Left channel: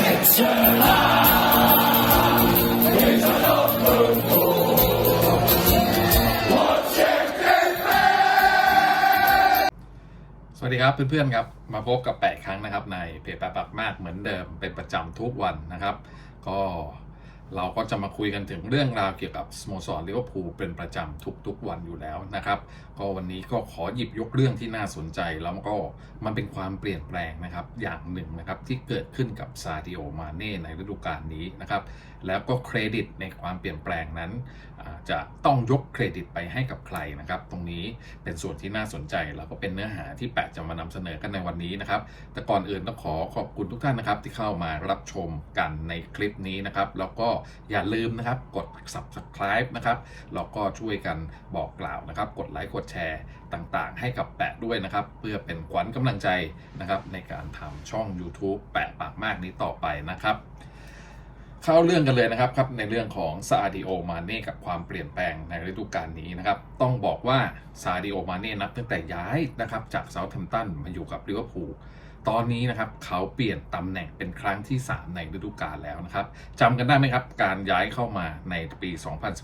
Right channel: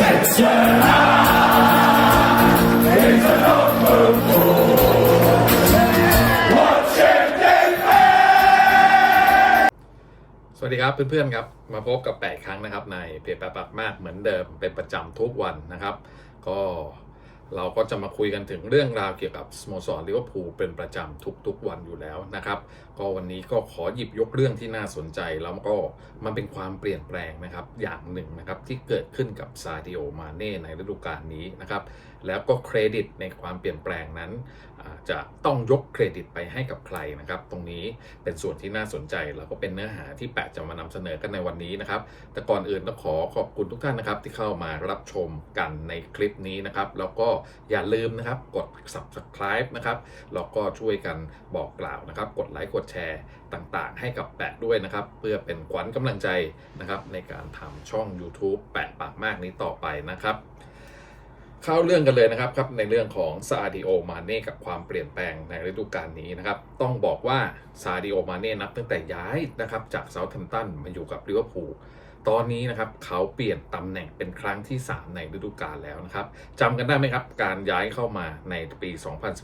สวัสดีครับเพื่อนๆครับมาพบกับ 8 ครั้งนะครับในเพจแปะปักมากเหมือนเดิมเป็นประจำทุกวันนะครับ ก็ เราก็จะมาคุยกันถึงเรื่องราวเกี่ยวกับสโมสรลิเวอร์พูลเป็นประจำทุกๆวันอยู่แล้วนะครับ ก็วันนี้ก็ขอหยิบยกเรื่องที่น่าสนใจ แล้วก็มันเป็นความเปลี่ยนแปลงนะครับอย่างหนึ่งนะครับที่เกิดขึ้นกับซาดิโอมาเน่ในฤดูกาลนี้นะครับ แล้วก็เครดิตในความเปลี่ยนแปลงนั้น จะต้องยกเครดิตไปให้กับใครนะครับ ตรงนี้เป็นส่วนที่น่าสนใจ แล้วก็เป็นเนื้อหาที่แปะจะมานำเสนอกันในวันนี้นะครับ แต่ก่อนอื่นต้องขอขอบคุณทุกท่านนะครับ ที่เข้ามารับชมกันในคลิปนี้นะครับ แล้วก็อย่าลืมนะครับกด subscribe นะครับแล้วก็ช่วยกันบอกกล่าวนะครับ กดไลค์กดแชร์ต่างๆ ให้กับแปะด้วยนะครับ เพื่อเป็นขวัญกำลังใจนะครับในการทำช่อง YouTube แปะปากมากนี้ต่อไปนะครับ เข้าเรื่องกันเลยนะครับครับในเรื่องของซาดิโอมาเน่กับความเปลี่ยนแปลงในฤดูกาลนี้นะครับ ต้องบอกว่าซาดิโอมาเน่นับตั้งแต่ย้ายนะครับจากเซาท์แฮมป์ตันมาอยู่กับลิเวอร์พูลตอนนี้นะครับเขาเปลี่ยนตำแหน่งเป็นครั้งที่ 3 ในฤดูกาลแล้วนะครับจำกันได้ไหมครับ การย้ายเข้ามาในปี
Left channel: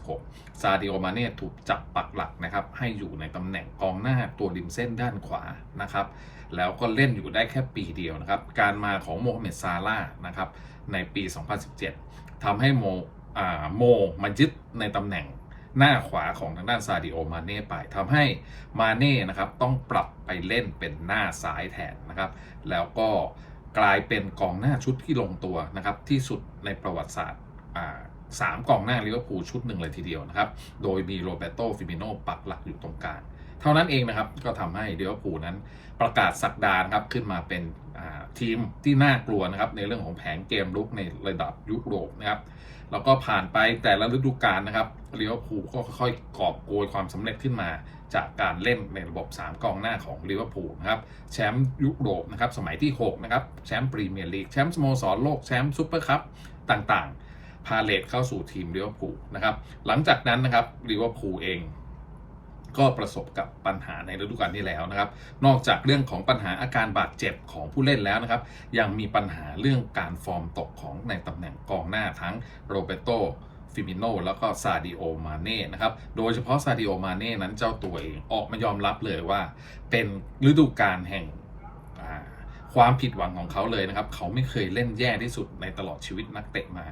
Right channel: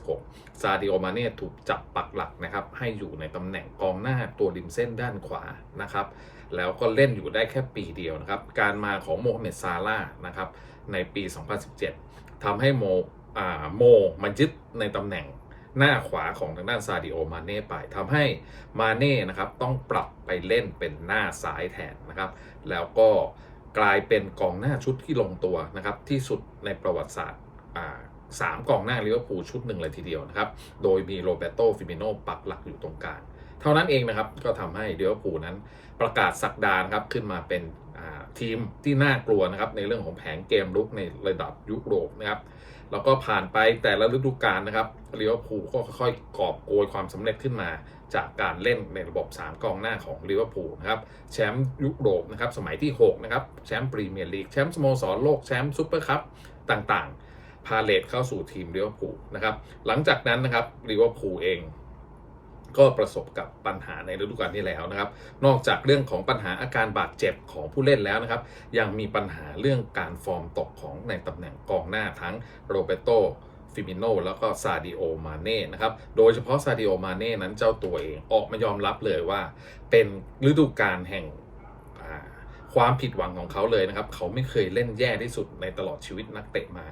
2016 ซาดิโอมาเน่ถูกจับปักหลักนะครับ ให้อยู่ในตำแหน่งกองหน้าตัวริมเส้นด้านขวานะครับ แล้วก็เล่นอยู่ได้แค่ปีเดียวนะครับ การมาของโมฮัมเหม็ดซาร่าห์นะครับ ในปี 2017ทำให้โมโมมันยึดในตำแหน่งหน้าขวาของทางด้านซาดิโอมาเน่ไปทำให้มาเน่นะครับต้องปรับไปเล่นเป็นหน้าซ้ายแทนนะครับ แล้วก็กลายเป็นกองหน้าชุดที่ลงตัวนะครับที่สุดในประวัติศาสตร์สามกองหน้าลิเวอร์พูลชุดหนึ่งเลยทีเดียวนะครับ โดยมีโรเบโตฟิมิโนปักหลักอยู่ตรงกลาง เท่านั้นเองนะครับก็ทำให้ลิเวอร์พูลนั้นประกาศสักดานะครับขึ้นมาเป็น ทีมที่น่ากลัวนะครับในเรื่องของแผนเกมลุกในระดับยุโรปนะครับแล้วก็ผ่านไปแต่ละฤดูกาลนะครับลิเวอร์พูลก็ค่อยๆกอบโกยความสำเร็จขึ้นมา จากการเล่นในระบบ 3 กองหน้าของลิเวอร์พูลนะครับแชมป์ยุโรปนะครับสมัยที่ 6 นะครับ แชมป์พรีเมียร์ลีกแชมป์สโมสรโลกแชมป์ซูเปอร์คัพต่างๆ พาเลทเข้าสู่ทีมลิเวอร์พูลนะครับหลังจากนั้นนะครับลิเวอร์พูลเอง ก็ประสบกับปัญหาในฤดูกาลที่แล้วนะครับ นอกจากเรื่องของปัญหาอาการบาดเจ็บของผู้เล่นแล้วนะครับ ยังมีปัญหาเรื่องการฟอร์มตกของในตำแหน่งกองหน้าทั้งโรเบโตฟิมิโนแล้วก็ซาดิโอมาเน่นะครับ โดยเฉพาะซาดิโอมาเน่นั้นเจ้าตัวเองออกมายอมรับเลยว่า เป็นฤดูกาลแห่ง ความผิดหวังของเขาเลยนะครับ เขาไม่เคยเล่นแย่ที่สุดในตลอดชีวิตนักเตะมา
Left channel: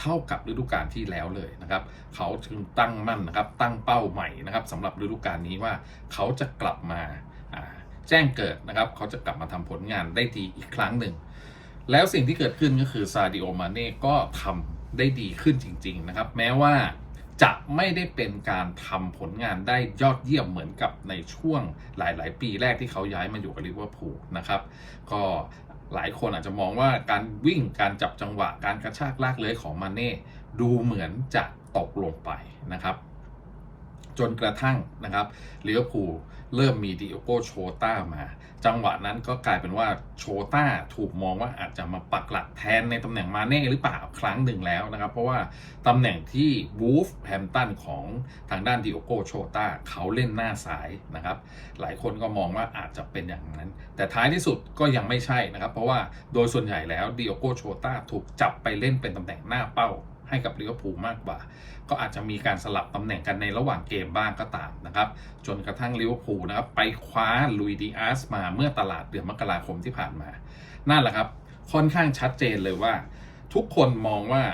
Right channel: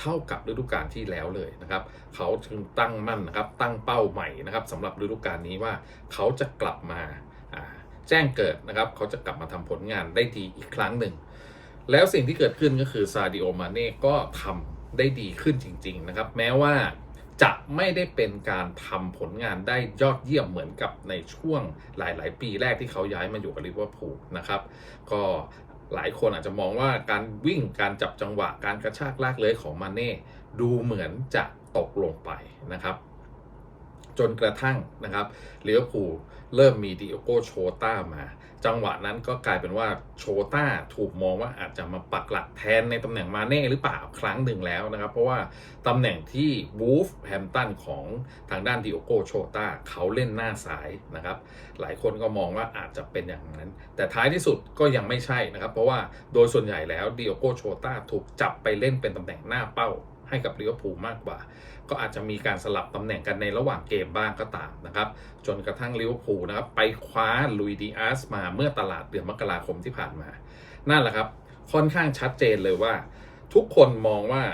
เท่ากับฤดูกาลที่แล้วเลยนะครับ เขาจึงตั้งมั่นนะครับ ตั้งเป้าใหม่นะครับสำหรับฤดูกาลนี้ว่าเขาจะกลับมาแจ้งเกิดนะครับ เขาจะกลับมาทำผลงานได้ดีอีกครั้งหนึ่ง แล้วสิ่งที่เกิดขึ้นก็คือซาดิโอมาเน่ก็ทำได้ดีขึ้นจริง ๆ นะครับ แม้ว่า จะไม่ได้เป็นการทำผลงานได้ยอดเยี่ยมเหมือนกับในช่วงหลาย ๆ ปีแรกที่เขาย้ายมาอยู่กับลิเวอร์พูลนะครับ ก็หลายคนอาจจะมองว่าการวิ่งการจับจังหวะการกระชากลากเลื้อยของมาเน่ดูเหมือนจะตกลงไปนะครับ จนกระทั่งนะครับลิเวอร์พูลเริ่มมีดิโอโกโชต้ามา จังหวะนั้นก็กลายเป็นว่าโชต้าถูกมองว่าอาจจะมาปักหลักแทนในตำแหน่งมาเน่หรือเปล่าครั้งหนึ่งแล้วนะครับ เพราะว่าตำแหน่งที่วูฟแฮมตันของทางด้านดิโอโกโชต้าเขาเล่นหน้าซ้ายนะครับ หลายคนก็มองว่าอาจจะเป็นอย่างนั้น แต่ท้ายที่สุดก็ยังไม่ใช่นะครับ เพราะว่าโดยส่วนใหญ่แล้วดิโอโกโชต้าถูกจับไปเล่นเป็นตำแหน่งหน้าเป้าให้กับลิเวอร์พูลมากกว่า ก็อาจจะมีการสลับตำแหน่งกันในระหว่างเกมบ้างก็ตามนะครับ จนกระทั่งลิเวอร์พูลนะครับไปคว้าลุยดีอาสมาเมื่อตลาดเดือนมกราคมที่ผ่านมา นั่นแหละครับ ค่อนข้างชัดเจนเลยว่า ทุกคนมองว่า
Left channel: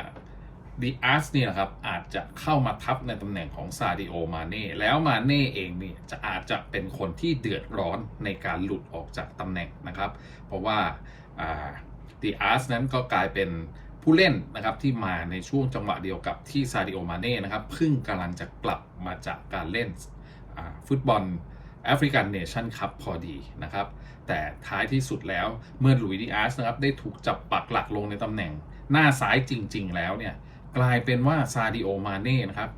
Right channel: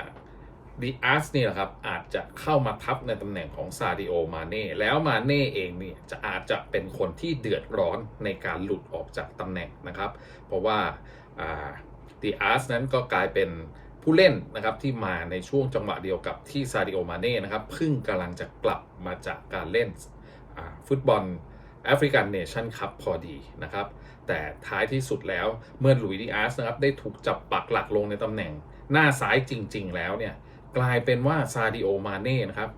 ดีอาสนี่แหละครับอาจจะเข้ามาทับในตำแหน่งของซาดิโอมาเน่แล้วมาเน่เองเนี่ยจะอาจจะเป็นคนที่เดือดร้อนในการหลุดออกจากตำแหน่งนะครับ เพราะว่าดีอาสนั้นก็กลายเป็น ผู้เล่นนะครับที่มาในช่วงจังหวะเดียวกับที่ซาดิโอมาเน่นะครับเพิ่งกำลังจะกลับมาจากการเล่นฟุตบอลแอฟริกันเนชั่นคัพพอดีนะครับ แต่ท้ายที่สุดแล้วเมื่อหลุยส์ดิอาสนะครับได้ถูกจับปักหลักลงในตำแหน่งหน้าซ้ายจริง ๆ แล้วเนี่ยกลายเป็นว่าซาดิโอมาเน่นะครับ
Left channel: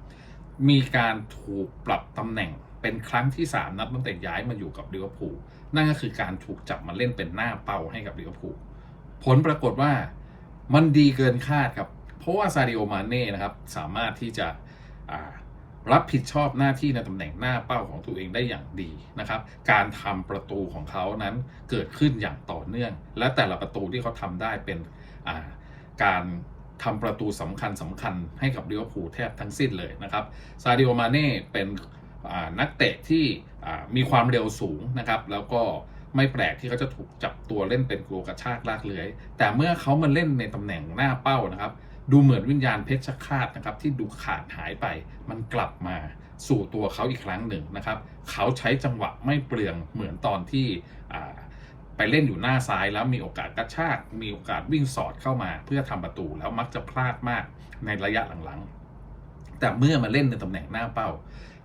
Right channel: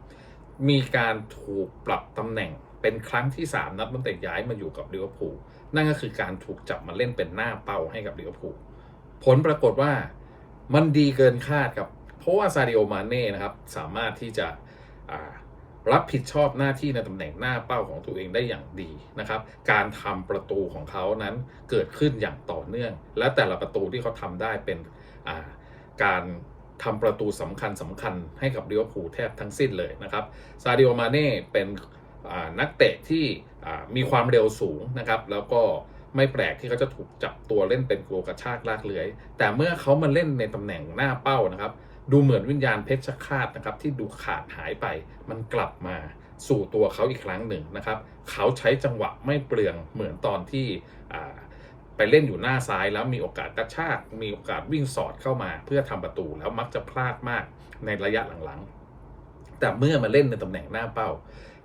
มีการถูกปรับตำแหน่งเป็นครั้งที่ 3 นับตั้งแต่ย้ายมาอยู่กับลิเวอร์พูลนั่นก็คือการถูกจับมาเล่นเป็นหน้าเป้าให้กับลิเวอร์พูลผลปรากฏว่า มันดีเกินคาดครับ เพราะว่าซาดิโอมาเน่นะครับ สามารถที่จะรับผิดชอบหน้าที่ในตำแหน่งหน้าเป้าของตัวเองได้อย่างดีนะครับ การทำประตูของเขานั้นเกิดขึ้นอย่างต่อเนื่อง และแต่ละประตูที่เขาทำได้เป็นาการทำประตูสำคัญสำคัญให้กับลิเวอร์พูลแทบทั้งสิ้นเลยนะครับ ซาดิโอมาเน่เป็นนักเตะที่มีความเร็วสูงนะครับ แล้วก็ ไม่แปลกที่เขาจะถูกจับตัวเล่นเป็นโกลกระชากลากเลื้อย แต่เมื่อเขามาเล่นในตำแหน่งหน้าเป้านะครับ ดูเหมือนวิญญาณเพชรฆาตนะครับที่ดูขาดหายไปมันกลับมาสู่ตัวเขาอีกครั้งหนึ่งนะครับ เขาใช้จังหวะไม่เปลืองเหมือนตอนที่ไปเล่นอยู่หน้าซ้ายแล้วมีโอกาสกระชาก มีโอกาสวิ่งสอดเข้ามา เพื่อทำประตูแล้วมักจะพลาดมากในระยะหลังๆ แต่เมื่อมาเล่นในตำแหน่งหน้าเป้า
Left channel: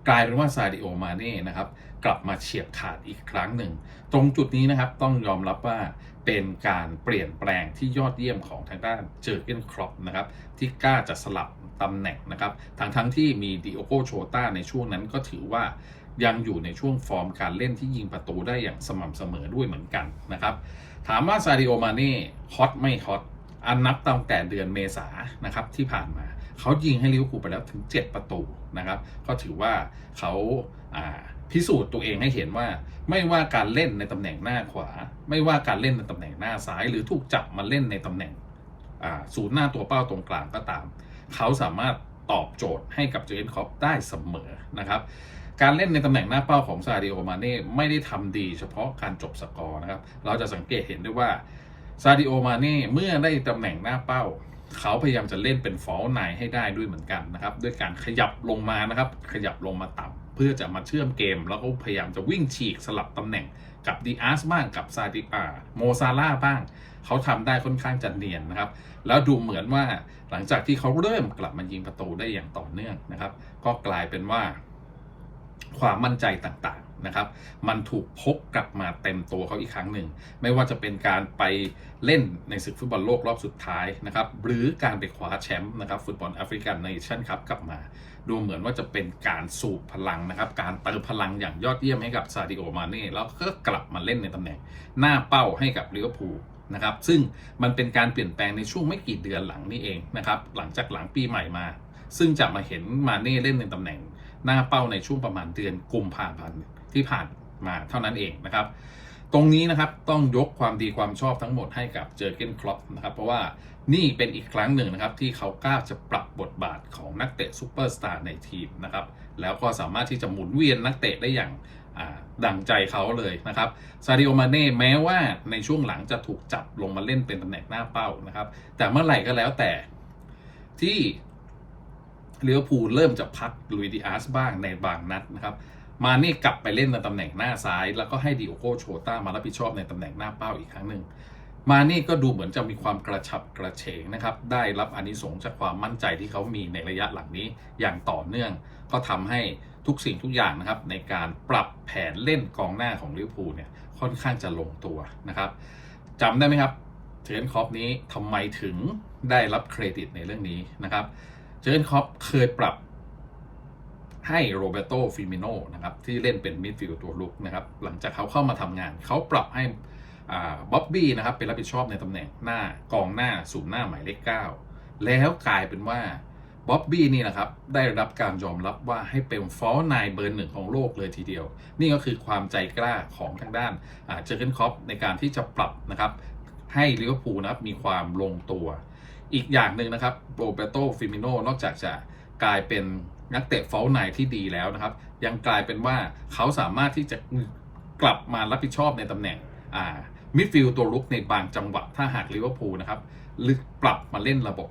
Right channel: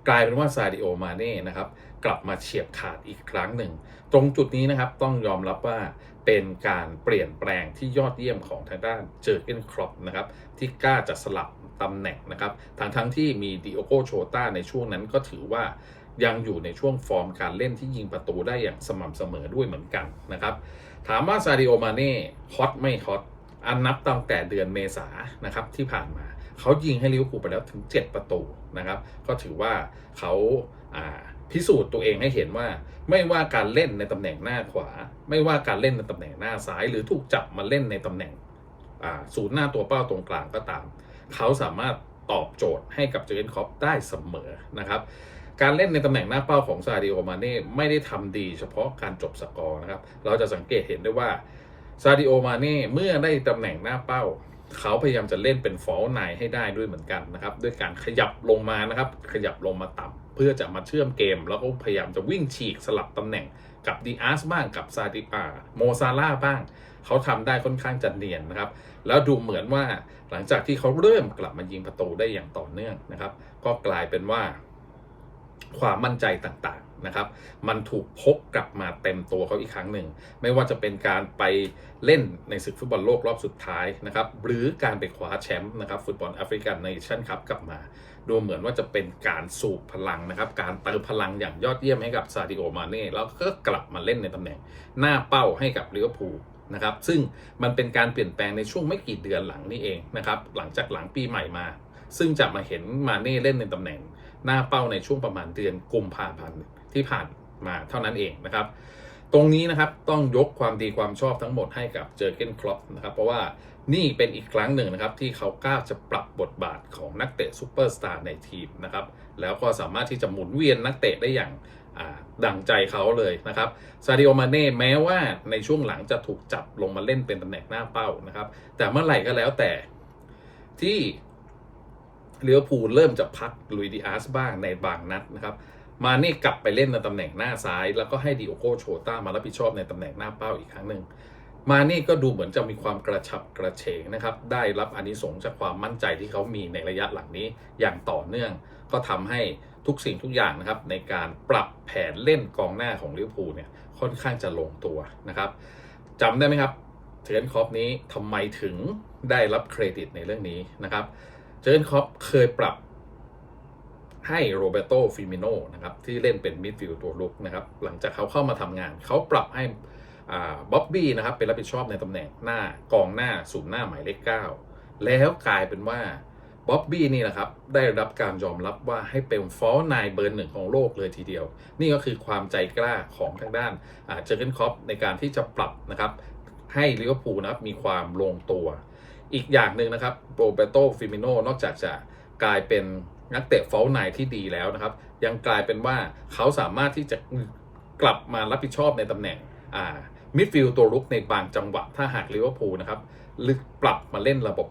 กลายเป็นว่าซาดิโอมาเน่นะครับ กลับมาเฉียบขาดอีกครั้งหนึ่ง ตรงจุดนี้นะครับต้องยอมรับว่าเป็นการเปลี่ยนแปลงที่ยอดเยี่ยมของทางด้านเจอร์เกนครอปนะครับที่กล้าจะสลับตำแหน่งนะครับทั้งทั้งที่มีดิโอโกโชต้าในช่วงนั้นก็ถือว่ายังอยู่ในช่วงฟอร์มการเล่นที่ยิงประตูได้อย่างสม่ำเสมอด้วยเหมือนกันนะครับถามว่าซาดิโอมาเน่ฮอตไม่ฮอตอันนับตั้งแต่เดือนเมษานะครับที่ผ่านมาเขายิงให้ลิเวอร์พูลไปแล้วถึง 7 ประตูนะครับ ก็ถือว่าเขาา พิสูจน์ตัวเองให้เห็นว่า ไม่ว่าการเล่นในตำแหน่งหน้าขวา ไม่ว่าการเล่นในตำแหน่งหน้าซ้าย หรือถูกจับมาเล่นในตำแหน่งศูนย์หน้าตัวเป้าตรงกลางก็ตาม เขาสามารถตอบโจทย์ให้กับเจอร์นคอปได้เสมอนะครับการเล่นในตำแหน่งหน้าเป้าของซาดิโอมาเน่ไม่ได้ทำดีเฉพาะการจบสกอร์นะครับ เราจะสังเกตเห็นได้ว่าซาดิโอมาเน่เมื่อได้ตำแหน่งหน้าเป้า เขาพยายามจะเล่นเป็นฟอลไนให้ได้ด้วยเหมือนกันนะครับ ด้วยการขยับลงมานะครับ ขยับลงมาต่ำ เพื่อจะมาเชื่อมเกม แล้วก็พยายามจะวิ่งฉีกสลับตำแหน่งกับดีอาร์สบ้างกับซาดิปาโมซาล่าบ้าง เขาทำได้ค่อนข้างจะเนียนนะครับ แล้วดูเหมือนว่าหลังจากที่เขาเริ่มกลับมายิงประตูได้อย่างต่อเนื่องนะครับ ก็กลายเป็นว่า ความมั่นใจต่าง นะครับ มันถูกพกกลับมาเต็มตัวเขาอีกครั้งหนึ่ง ไม่ว่าจะเป็นการไปเล่นในศึกฟุตบอลโลกรอบสุดท้ายนะครับ หรือการไปคว้าแชมป์นะครับฟุตบอลแอฟริกันในชั่นคัพกลับมา ดูเหมือนว่าจะเป็นการสูบพลังนะครับ การเติมพลังอย่างยอดเยี่ยมให้กับซาดิโอมาเน่แล้วก็กลับมาเล่นในตำแหน่ง หน้าเป้าให้กับลิเวอร์พูลนะครับ ซึ่งมันเป็นการเปลี่ยนแปลงในช่วงไม่กี่เดือนหลังนี้เองนะครับ หลังจากหลังปีใหม่มา ซึ่งจะมาเห็นมาเน่เล่นในตำแหน่งหน้าเป้าในช่วงประมาณเดือนกุมภาพันธ์ที่ผ่านมาเท่านั้นเองนะครับ ตรงนี้นะครับต้องยกความดีความชอบทั้งหมดให้กับเจอเกนครอปนะครับ เพราะว่านี่เป็นอีกครั้งหนึ่งนะครับ ที่เขากล้าจะปรับบทบาทของนักเตะซูเปอร์สตาร์ในทีมนะครับ แล้วก็สามารถที่จะหมุนเวียนนักเตะได้อย่างดังใจเขาเลยนะครับซาดิโอมาเน่แม้ว่าในช่วงหลังจะถูกจับลงมาเล่นเป็นตำแหน่งหน้าเป้านะครับ แต่เมื่อไหร่ก็แล้วแต่ที่ ลิเวอร์พูลเริ่มจะพักลุยดิอาร์สบ้างในบางนัดนะครับมาเน่กลับไปเล่นในตำแหน่งหน้าซ้าย แล้วก็ให้ดิโอโกโชต้ามารับผิดชอบในตำแหน่งหน้าเป้าอีกครั้งหนึ่งมาเน่ก็ดูเหมือนจะมีความกระฉับกระเฉงนะครับได้รับอานิสงส์จากความมั่นใจที่เขามีในระยะหลังนี้อย่างต่อเนื่อง ก็ทำให้ทุกสิ่งทุกอย่างนะครับในการปรับแผนเล่นกองหน้าของลิเวอร์พูลเนี่ยค่อนข้างจะลงตัวนะครับจำได้ไหมครับเทรนคอปนี้ทำไมถึงได้รับเครดิตในเรื่องนี้นะครับ เจอร์นคอปเคยปรับให้โรเบโตฟิมิโนนะครับที่เล่นเป็นมิดฟิลด์ตัวลุกนะครับหลังจากเขาเข้ามาทำงาน เขาปรับให้บ๊อบบี้นะครับเป็นรับผิดชอบในตำแหน่งหน้ากองหน้าศูนย์หน้าหมายเลข9แล้วกลายเป็นว่าบ๊อบบี้นี่นะครับได้รับการยอมรับว่าให้เป็นฟอลนายเบอร์หนึ่งของโลกเลยทีเดียว นี่ก็คือความใจกล้าของทางด้านเจอร์เกนคอปในการที่จะปรับนะครับให้ลิเวอร์พูลนะครับมีความลงตัว อีกอย่างหนึ่งนะครับโรเบโตฟิมิโนนอกจากจะกลายเป็นนักเตะฟลไนที่ดีแล้วนะครับ ยังกลายเป็นว่าเขาสามารถที่จะกลับมารับผิดชอบในตำแหน่งมิดฟิลด์ตัวรุกในบางจังหวะ ถ้าหากลิเวอร์พูลนะครับหรือปรับมาเล่นระบบ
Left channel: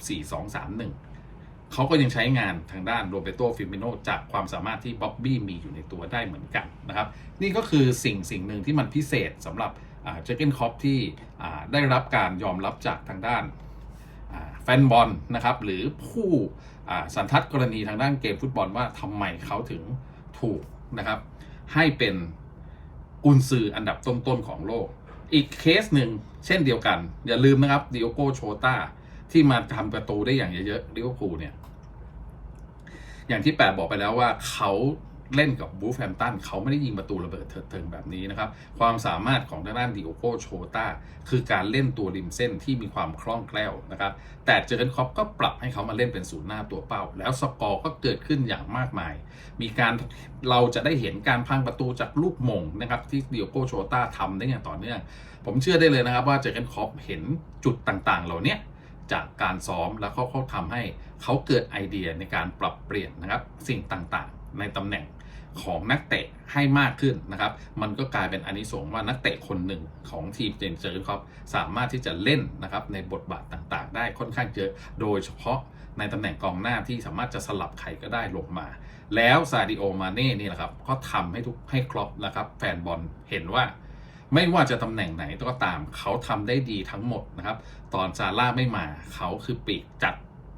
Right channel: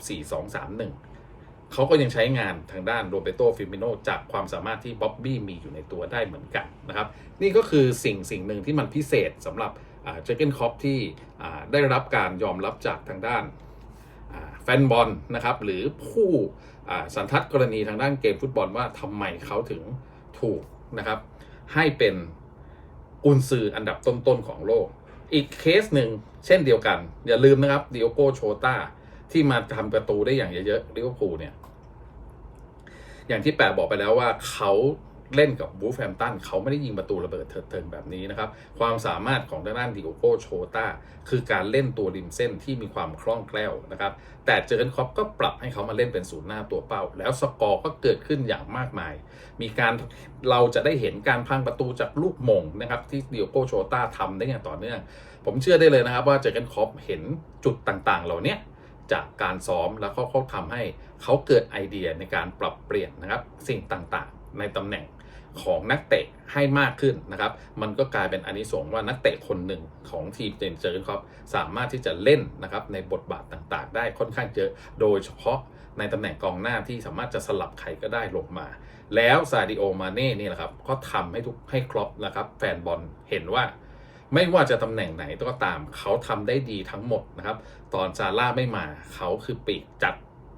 4-2-3-1 เขาก็ยังใช้งานทางด้านโรเบโตฟิมิโนจากความสามารถที่บ๊อบบี้มีอยู่ในตัวได้เหมือนกันนะครับ นี่ก็คือสิ่งสิ่งหนึ่งที่มันพิเศษสำหรับเจอร์เกนคอปที่ได้รับการยอมรับจากทางด้าน แฟนบอลนะครับหรือผู้สันทัดกรณีทางด้านเกมฟุตบอลว่าทำไมเขาถึงถูกนะครับ ให้เป็นกุนซืออันดับต้นๆของโลก อีกเคสหนึ่งเช่นเดียวกัน อย่าลืมนะครับดิโอโกโชตาที่มาทำประตูได้อย่างเยอะๆลิเวอร์พูลเนี่ย อย่างที่แปะบอกไปแล้วว่าเขา เล่นกับบูฟแฮมตันเขาไม่ได้ยิงประตูระเบิดเถิดเทิงแบบนี้นะครับ ความสามารถของทางด้านดิโอโกโชตาคือการเล่นตัวริมเส้นที่มีความคล่องแคล่วนะครับ แต่เจอร์นคอปก็ปรับให้เขามาเล่นเป็นศูนย์หน้าตัวเป้า แล้วสกอร์ก็เกิดขึ้นอย่างมากมาย มีการเราจะได้เห็นการพังประตูจากลูกมงนะครับที่ดิโอโกโชตาทำได้อย่างต่อเนื่อง ผมเชื่อได้เลยนะครับว่าเจอร์นคอปเห็นจุดต่างๆ เหล่านี้จากการซ้อมแล้วก็เขาทำให้เขาเกิดไอเดียในการปรับเปลี่ยนนะครับสิ่งต่างๆ ในตำแหน่ง ของนักเตะให้มากขึ้นนะครับ มันก็กลายเป็นอานิสงส์ว่านักเตะคนหนึ่งของทีมเจนเจอร์ครับสามารถที่จะเล่นนะครับในบทบาทต่างๆ ได้ค่อนข้างเยอะ โดยเฉพาะในตำแหน่งกองหน้าที่สามารถจะสลับใครก็ได้ลงมา แล้วซาดิโอมาเน่นี่แหละครับ ก็ทำให้ทุกให้ครอปนะครับ แฟนบอลเห็นว่าไม่ว่าจะตำแหน่งไหนก็ตาม เขาทำได้ดีทั้งหมดนะครับ ตอนซาร่าไม่มาเขาคือปีกจัด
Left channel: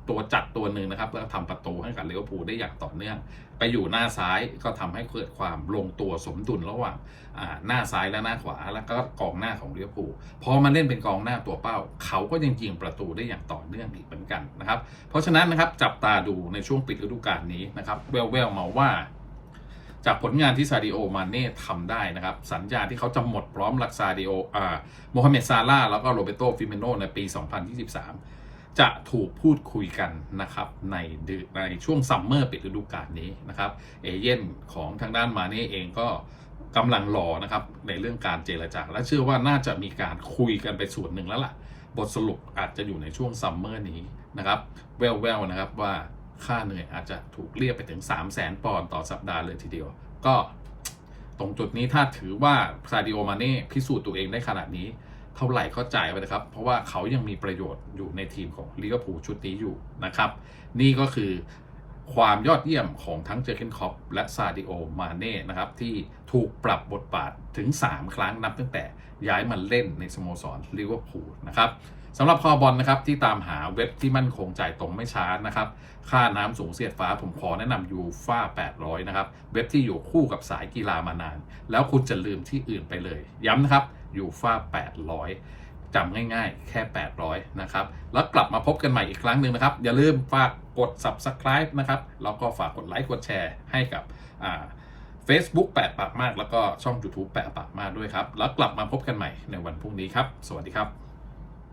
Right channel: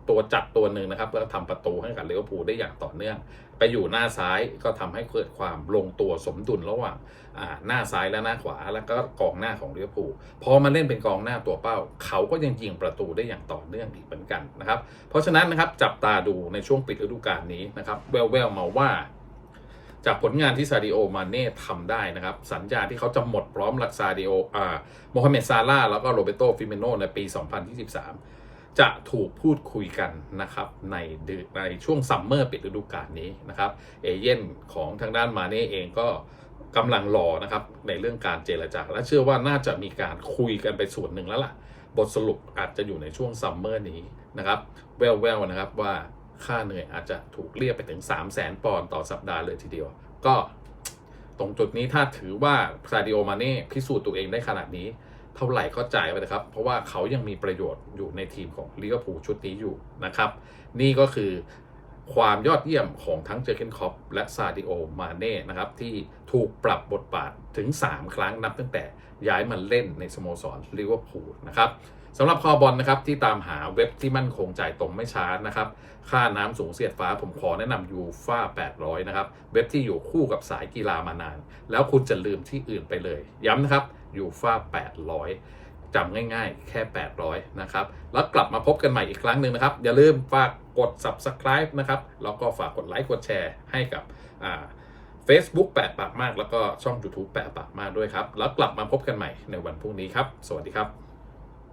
ตัวจัดตัวหนึ่งนะครับแล้วทำประตูให้กับเลิเวอร์พูลได้อย่างต่อเนื่อง ไปอยู่หน้าซ้ายก็ทำให้เกิดความลงตัวสมดุลระหว่างหน้าซ้ายและหน้าขวา แล้วก็กองหน้าของเลิเวอร์พูลพอมาเล่นเป็นกองหน้าตัวเป้า เขาก็ยังยิงประตูได้อย่างต่อเนื่องอีกเหมือนกันนะครับ เพราะฉะนั้นนะครับจับตาดูในช่วงปิดฤดูกาลนี้นะครับแววๆมาว่าจากผลงานที่ซาดิโอมาเน่ทำได้นะครับ สัญญาที่เขาจะหมดพร้อมลักซาดิโออ่าโมฮัมเหม็ดซาร่าแล้วก็โรเบโตฟิเมโนในปี 2023 จะถูกพูดคุยกันนะครับในในช่วงซัมเมอร์ปิดฤดูกาลนี้นะครับเอเย่นของทางด้านมาเน่เองก็กำลังรอนะครับในเรื่องการเจรจา และเชื่อว่าน่าจะมีการคุยกันไปส่วนหนึ่งแล้วล่ะ บทสรุปอาจจะอยู่ในช่วงซัมเมอร์นี้นะครับแววๆนะครับว่าค่าเหนื่อยอาจจะถูกเรียกไปถึง 3 0 0แสนปอนด์ต่อสัปดาห์เลยทีเดียว ก็ตรงจุดนี้ถ้าถือว่าซาดิโอมาเน่พิสูจน์ตัวเองได้ขนาดนี้ เท่าไหร่ก็จ่ายไปนะครับ เพราะว่าเขายังมีประโยชน์อยู่ในทีมของลิเวอร์พูลชุดนี้อยู่นะครับ นี่ก็คือความยอดเยี่ยมของทั้งเจอเกนคอปและซาดิโอมาเน่นะครับ ที่ถูกปรับบทบาทถึง 3 ครั้งนับตั้งแต่ย้ายมาเล่นในสโมสรลิเวอร์พูลนะครับสำหรับคอบอลนะครับที่ตามหาเว็บที่มั่นคงจ่ายตรงไม่ช้านะครับ ค่าน้ำสูงเสียดฟ้าผมขอแนะนำยูฟ่า800 นะครับ เว็บที่อยู่คู่กับสายกีฬามานาน แล้วคุณจะลืมที่อื่นไปเลย ย้ำนะครับ ยูฟ่า800จำง่ายๆ แค่ 800 นะครับ แล้วกลับมาพบกันใหม่อีกครั้งหนึ่งนะครับ อย่าลืมฝากกด subscribe นะครับ แล้วก็ฝากกดไลค์กดแชร์ให้กับอ่า Facebook แปะปากมาก แล้วก็ช่อง YouTube แปะปากมากด้วยครับ แล้วกลับมาพบกันใหม่ในวันพรุ่งนี้ครับ สวัสดีครับ